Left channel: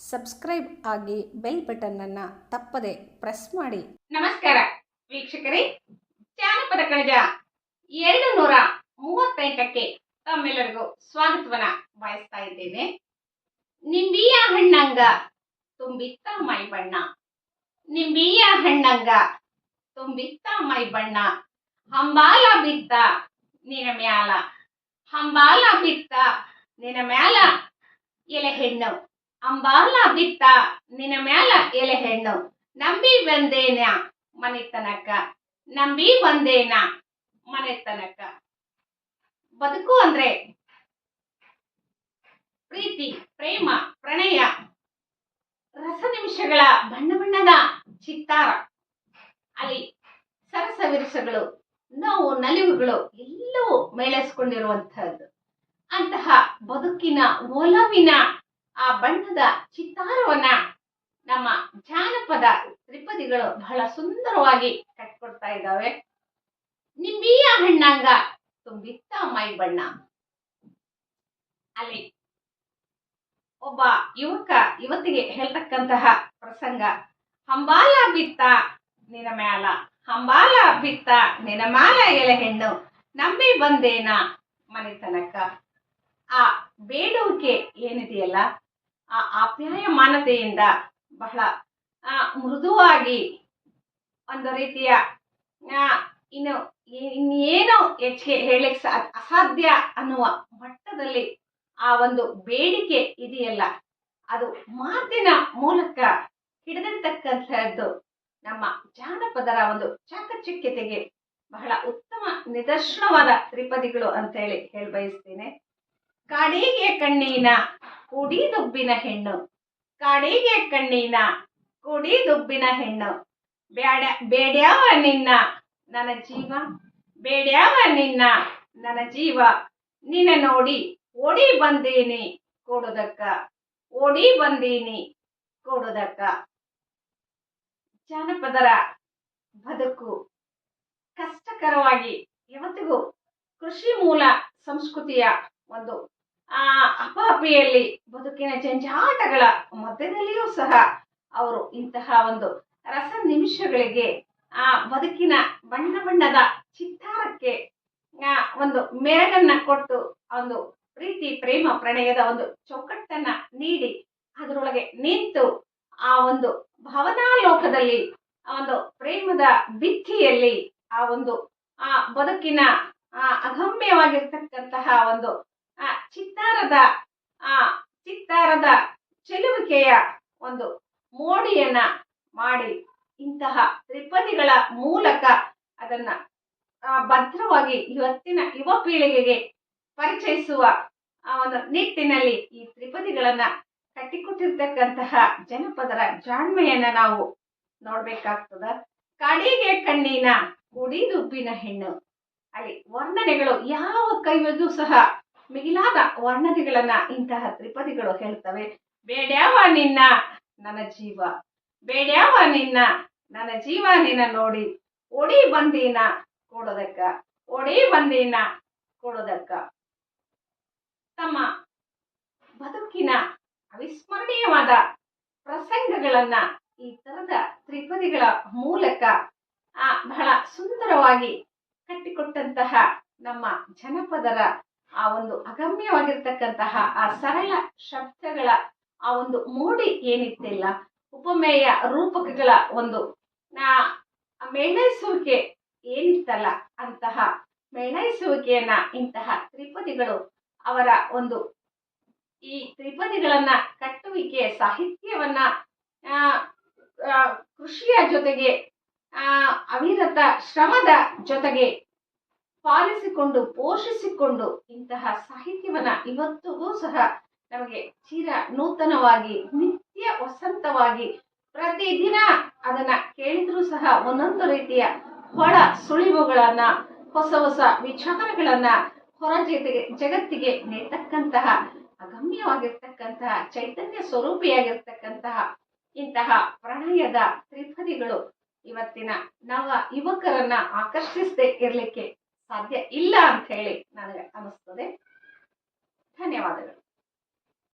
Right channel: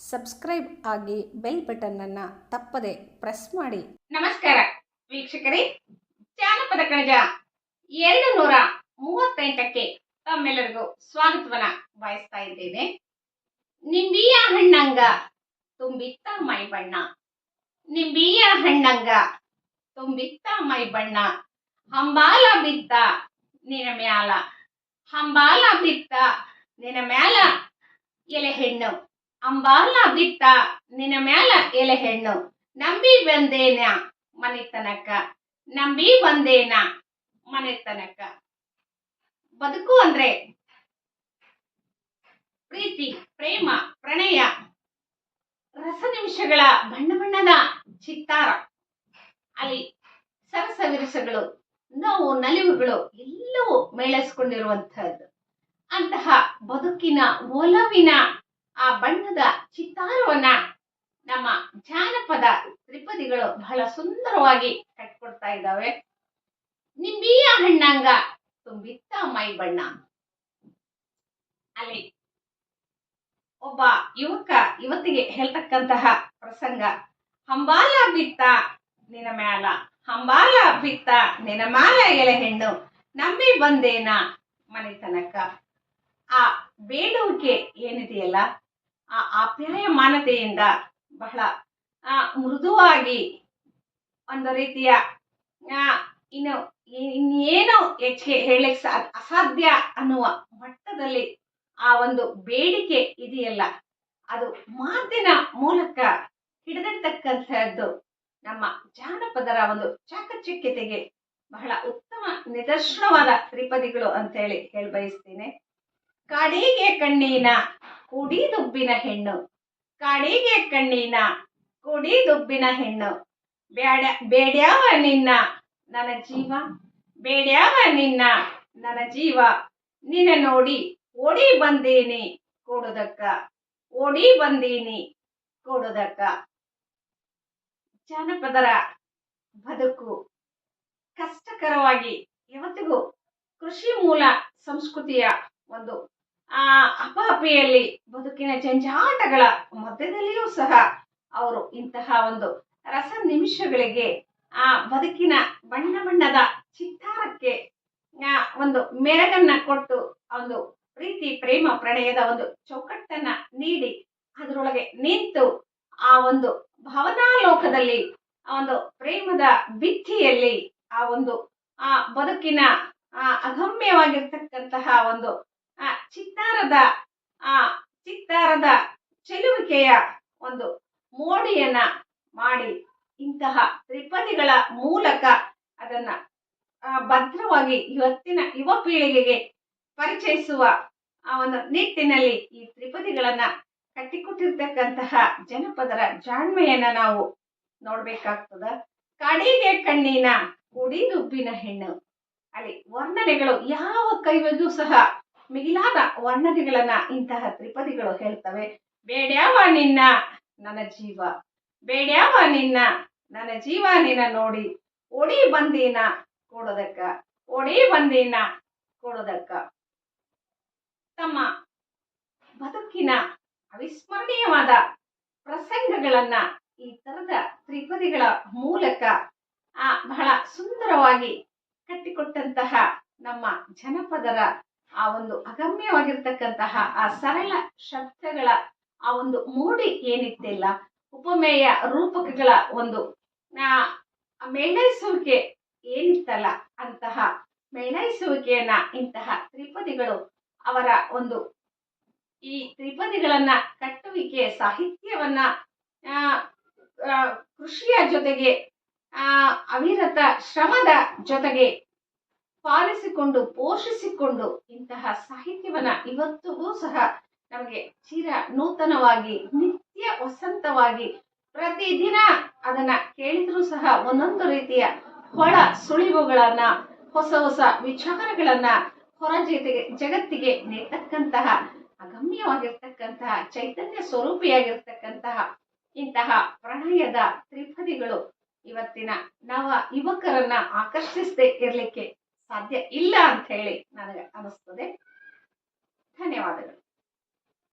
Subscribe ಆಗಿ bell ಬಟನ್ನನ್ನು ತಪ್ಪದೆ press ಮಾಡಿ. ನಮಸ್ಕಾರ ವೀಕ್ಷಕರೇ, ಜಾನಪದ ಕಣಜ 238ಕ್ಕೆ ತಮ್ಮೆಲ್ಲರಿಗೂ ಸ್ವಾಗತವನ್ನ ಬಯಸ್ತಾ ಇದ್ದೇನೆ. ನಿಂಬಿಯ ಹಣ್ಣಂಗ ತುಂಬಿತ್ತ ಮೈ ಬಣ್ಣ, ನಿಂಬಿಯ ಹಣ್ಣಂಗ ತುಂಬಿತ್ತ ಮೈ ಬಣ್ಣ, ಹಂಬಾಲ ಬಿತ್ತ ನಿನ ಮ್ಯಾಲ, ಹಂಬಾಲ ಬಿತ್ತ ನಿನ ಮ್ಯಾಲ ಎಲೆ ಹೆಣ್ಣು, ಅಂಬಾಲ ಬಿತ್ತ ನಿನ ಮ್ಯಾಲ ಎಲೆ ಹೆಣ್ಣು, ನಂಬಿ ಬಂದೇನ ಮನೆತನಕ, ನಂಬಿ ಬಂದೇನ ಮನೆತನಕ. ಬದುಕು ಅಂದ್ರೆ ಪ್ರೀತಿ, ಪ್ರೇಮ, ಪ್ರಣಯ, ರಸ ನಿಮಿಷಗಳ ಬಣ್ಣ ಬಣ್ಣದ ಚಿತ್ತಾರ, ಅಲ್ಲಿ ಸರಸ ವಿರಸಗಳು, ನೋವು ನಲಿವುಗಳು ಎಲ್ಲವೂ ಮೇಳೈಸ್ಕೊಂಡಿರುವಂತಹದ್ದು. ಅಂತಹ ಬದುಕಿನ ಒಲವಿನ ಆ ಬಣ್ಣದ ಚಿತ್ತಾರವನ್ನ ನಮ್ಮ ಜಾನಪದ ತ್ರಿಪದಿಗಳು ಬಹಳ ಸುಂದರವಾಗಿ ಕಟ್ಕೊಡ್ತಾ ಇದ್ದಾವೆ. ನಿಂಬಿಯ ಹಣ್ಣಂಗ ತುಂಬಿತ್ತ ಮೈ ಬಣ್ಣ. ಅಲ್ಲಿ ಒಬ್ಬ ಯುವತಿಗೆ ಹೇಳ್ತಕ್ಕಂತಹ ಪ್ರಸಂಗ, ಹಂಬಾಲ ಬಿತ್ತ ನಿನ ಮ್ಯಾಲ, ಹಂಬಾಲ ಬಿತ್ತ ನಿನ ಮ್ಯಾಲ ಎಲೆ ಹೆಣ್ಣು, ನಂಬಿ ಬಂದೇನ ಮನೆತನಕ. ಆ ಬೇಡುವಿಕೆ ಏನಿದೆಯಲ್ಲ, ಆ ಆಪ್ಯಾಯಮಾನತೆಯಿಂದ ಬಹಳ ಮೃದುವಾಗಿ ಒಂದು ರೀತಿಯ ಇನ್ನೇನು ಹೆಚ್ಚಿಗೆ ಹೇಳಲಿಕ್ಕೆ ಅಸಾಧ್ಯ ಅನ್ನುವ ಮಟ್ಟದಲ್ಲಿ ಆ ಒಂದು ಬೇಡಿಕೆ ಇದೆಯಲ್ಲ, ಅದು ಮಾತಿನ ಮೂಲಕ ಹಿಡಿದಿರ್ತಕ್ಕಂಥದ್ದು ನಮ್ಮ ಜಾನಪದರ ಒಂದು ಚಾಕಚಕ್ಯತೆಗೆ ಬಹಳ ಉತ್ತಮ ನಿದರ್ಶನವಾದ ತ್ರಿಪದಿಗಳು ಅಂತ ಹೇಳಿ ಬಯಸ್ತೇನೆ. ಕಾಡಿಗೆ ಕಣ್ಣಿನ ಕೂಡಿ ದುಬ್ಬಿನ ಹೆಣ್ಣು, ಕಾಡಿಗೆ ಕಣ್ಣಿನ ಕೂಡಿ ದುಬ್ಬಿನ ಹೆಣ್ಣು, ಬೇಡ್ಯಾವ ನಿನ್ನ ನನ್ನ ಜೀವ, ಬೇಡ್ಯಾವ ನಿನ್ನ ನನ್ನ ಜೀವ, ನಿನ್ನ ನೋಡಿ ಓಡಿ ಬಂದೇನಿ ಕೊಡುದಕ್ಕ, ಓಡಿ ಬಂದೀನಿ ಕೊಡುದಕ್ಕ. ಜಾನಪದರ ಬದುಕು ಕಷ್ಟಕರವಾಗಿ ಯಾವತ್ತಿಗೂ ಕೃಷಿ ಮೂಲ ಸಂಸ್ಕೃತಿಯ ಒಂದು ಅಪಾಪಿಯಲ್ಲಿ ಬದುಕಿನ ಜಂಜಾಟಗಳ ಮಧ್ಯದಲ್ಲಿಯೂ ಸಹ ಅವರು ಇಂತಹ ಒಂದು ರಸ ನಿಮಿಷಗಳಿಗೆ, ಆ ಬದುಕಿನ ಬಣ್ಣ ಬಣ್ಣದ ಚಿತ್ತಾರಕ್ಕೆ ಒಂದು ಮೆರಗನ್ನ ಕೊಟ್ಟು, ಒಂದು ಪ್ರೀತಿ, ಪ್ರೇಮ, ಪ್ರಣಯದ ಒಂದು ಚೌಕಟ್ಟನ್ನ ನೀಡಿ ಅದರೊಳಗೆ ನಿಂತು ಆ ಒಂದು ಭಾವನಾಲೋಕದಲ್ಲಿ, ಆ ಒಂದು ಪ್ರೇಮದ ಭಿತ್ತಿಯಲ್ಲಿ, ಆ ಒಂದು ಬದುಕಿನ ಅಗಮ್ಯವಾಗಿರ್ತಕ್ಕಂತಹ ಒಂದು ಚಿತ್ತಾರದ ಚೆಲುವಿಕೆಯ ಒಂದು ಮೋಡಿಯನ್ನ ಮಾಡಿ ಇಂತಹ ತ್ರಿಪದಿಗಳ ಮೂಲಕ ಅದನ್ನ ಭದ್ರವಾಗಿ ಇವತ್ತಿನ ಯುವ ಪೀಳಿಗೆಗೆ ಪರಿಚಯಿಸುವ ಒಂದು ನಿಟ್ಟಿನಲ್ಲಿ ಈ ತ್ರಿಪದಿಗಳನ್ನ ಕಟ್ಟಿಕೊಟ್ಟಿರ್ತಕ್ಕಂತಹ ಜನಪದರ ಜಾಣ್ಮೆಯನ್ನ ನಾವು ನೋಡ್ಬೇಕಾಗ್ತದ. ಕಾಡಿಗೆ ಕಣ್ಣಿನ ಕೂಡಿ ದುಬ್ಬಿನ ಹೆಣ್ಣು, ಅಲ್ಲಿ ವರ್ಣನೆಗಳು ಯಾವ ಕೈವಗೂ ಸಹ ಮಿಗಿಲಾದ ವರ್ಣನೆಗಳನ್ನ ಇಂತಹ ತ್ರಿಪದಿಗಳು ಹೇಳ್ತವೆ. ಬೇಡ್ಯಾವ ನಿನ್ನ ನನ್ನ ಜೀವ, ಬೇಡ್ಯಾವ ನಿನ್ನ ನನ್ನ ಜೀವ, ನಿನ್ನ ನೋಡಿ ಓಡಿ ಬಂದೀನ ಕೊಡೋದಕ್ಕ, ಓಡಿ ಬಂದೀನ ಕೊಡೋದಕ್ಕ. ತಮ್ಮ ಬದುಕಿನ ಅವಿಸ್ಮರಣೀಯವಾದ ಪ್ರಸಂಗಗಳನ್ನ ಈ ತರದ ತ್ರಿಪದಿಗಳ ಮೂಲಕ ಬಹಳ ಸುಂದರವಾಗಿ ಕಟ್ಟಿಕೊಟ್ಟಂತಹ ನಮ್ಮ ಜನಪದರ ಆ ಒಂದು ಅಗಮ್ಯವಾಗಿರ್ತಕ್ಕಂತಹ ಆ ಸರಳ ಶಬ್ದಗಳ ಆ ಒಂದು ಮೋಡಿ ಏನಿತ್ತಿಲ್ಲ, ಉಪಮೇಯ ರೂಪಕಗಳ ಒಂದು ಮೇಳೈಸುವಿಕೆ ಏನಿತ್ತಲ್ಲ, ಅಂತಹ ಮೇಳೈಸುವಿಕೆಯನ್ನ ಇಂತಹ ತ್ರಿಪದಿಗಳು ಅವರ ಒಂದು ಈ ತ್ರಿಪದಿಗಳನ್ನ ಕಟ್ಟುವಿಕೆ ಸಾಹಿತ್ಯವನ್ನ ಕೃಷಿಯ ಜೊತೆಗೆ ಅವಿರತ ಶ್ರಮದ ಜೊತೆಗೆ ಪಾಲಿಸಿಕೊಂಡು ಪೋಷಿಸಿಕೊಂಡು ಇಂತಹ ಸಾಹಿತ್ಯವನ್ನ ಇವತ್ತಿಗೂ ಸಹ ನಮಗೆ ಚಿರ ನೂತನವಾಗಿ, ನಿತ್ಯ ವಸಂತವಾಗಿ, ಪ್ರತಿದಿನ ಅದನ್ನ ಕೇಳಿದ್ರೂ ಸಹ ಒಂದೊಂದು ರೀತಿಯ ಹೊಳ ಸುಳಿವುಗಳನ್ನ, ಹೊಸ ಹೊಸ ವಿಚಾರಗಳನ್ನ ಹೊರ ಜಗತ್ತಿಗೆ ನೀಡ್ತಕ್ಕಂತಹ ಅಗಮ್ಯವಾಗಿರ್ತಕ್ಕಂತಹ ಚೈತನ್ಯ ಸ್ವರೂಪಿಯಾಗಿರ್ತಕ್ಕಂತಹ ಇಂತಹ ಪ್ರಣಯದ ತ್ರಿಪದಿಗಳು ಇವತ್ತಿನ ನವ ಯುವಕರನ್ನ ಆಕರ್ಷಿಸದೆ ಇರ್ಲಿಕ್ಕೆ ಸಾಧ್ಯ ಇಲ್ಲ ಅಂತ ಹೇಳಿ ನನಗೆ ಅನಿಸ್ತದೆ. ಧನ್ಯವಾದಗಳು.